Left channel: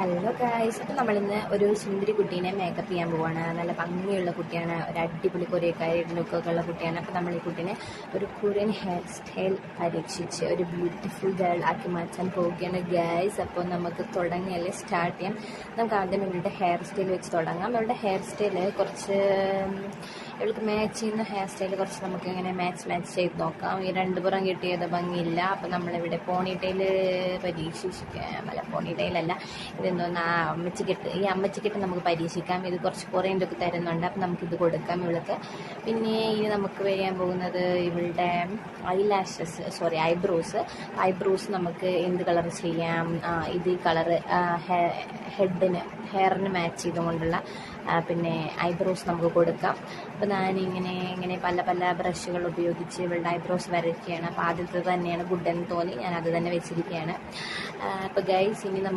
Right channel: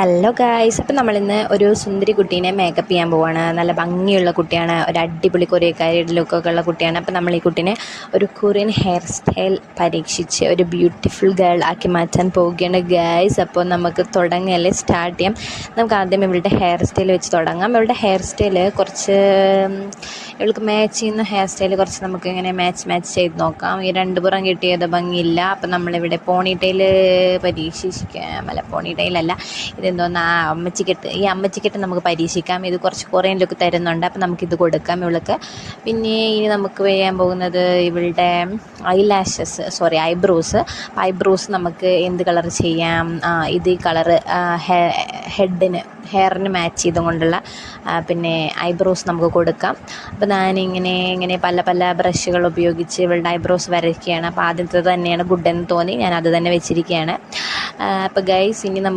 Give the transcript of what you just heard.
Hello guys, അപ്പം നമ്മളിന്ന് ഒരു സുന്ദരി കുട്ടീനെ മേക്കപ്പ് ചെയ്യാൻ പോവാണ്. നല്ല ഭംഗിയുള്ള കുട്ടിയാണ്, ഒരു അടിപൊളി കൊറിയക്കാരിയുടെ ലുക്കൊക്കെ ഉള്ള കുട്ടിയാണ്. അപ്പം നമ്മൾ ഈ കുട്ടീനെ ഒരു കൊറിയൻ ഹെയർ സ്റ്റൈൽ പരീക്ഷിച്ച് ഒരു ബ്യൂട്ടിഫുൾ ഗേൾ ആക്കി മാറ്റാൻ പോവുകയാണ് ഗായ്സ്. അപ്പോൾ നമുക്ക് തുടങ്ങിയല്ലേ, സ്റ്റാർട്ട് ചെയ്യാം. നമുക്ക് ആദ്യം ഇവളുടെ ഹെയർ സ്റ്റൈൽ വെച്ച് തുടങ്ങാം. ഇവളുടെ ഹെയർ സ്റ്റൈൽ കുറച്ച് ഇവൾക്ക് മാച്ച് ചെയ്യുന്ന ഹെയർ സ്റ്റൈൽ കുറച്ച് നമുക്ക് ഇങ്ങനെ മാച്ച് ചെയ്ത് നോക്കാം. ഈ രണ്ട് പുറം കിട്ടിയത് ഭംഗിയില്ല. അപ്പം നമ്മളിവിടെ പോണിറ്റെയിൽ പരീക്ഷിക്കാം. അല്ല, പോണിറ്റെയിലല്ല, ഇതെന്തോന്ന് അമ്മച്ചിക്കെട്ട്. ഈ അമ്മച്ചിക്കെട്ട് നമുക്ക് പരീക്ഷിക്കാം. ഇത് കുറച്ച് കൊറിയൻ ലുക്ക് തരുന്നുണ്ട്. അപ്പം നമുക്കിത് കൊടുക്കാം ഇവൾക്ക്. പിന്നെ ഇനി നമുക്ക് ചെയ്യാൻ പോകുന്നത് ഇവളുടെ ഐബ്രോസ് നമുക്ക് എന്ത് കളർ ചെയ്യാം? ഇത് ഈ കളറ് ഹെയറിന് മാച്ച് ചെയ്തുകൊണ്ടുള്ള പിന്നെ ഐബ്രോസ് നമുക്ക് കൊടുക്കാം. അപ്പോൾ ഞാനിങ്ങനെ പല ബ്രഷുകൾ ഉപയോഗിച്ച് ഇവളുടെ ഐബ്രോസ് വരയ്ക്കുകയാണ്. അപ്പോൾ ആദ്യത്തെ തന്നെയാണ് ഗുഡ് എന്ന് തോന്നി, ഞാൻ അത് തന്നെ വെച്ചിരിക്കുകയാണ്. അപ്പോൾ ഗൈസ്, ഇനി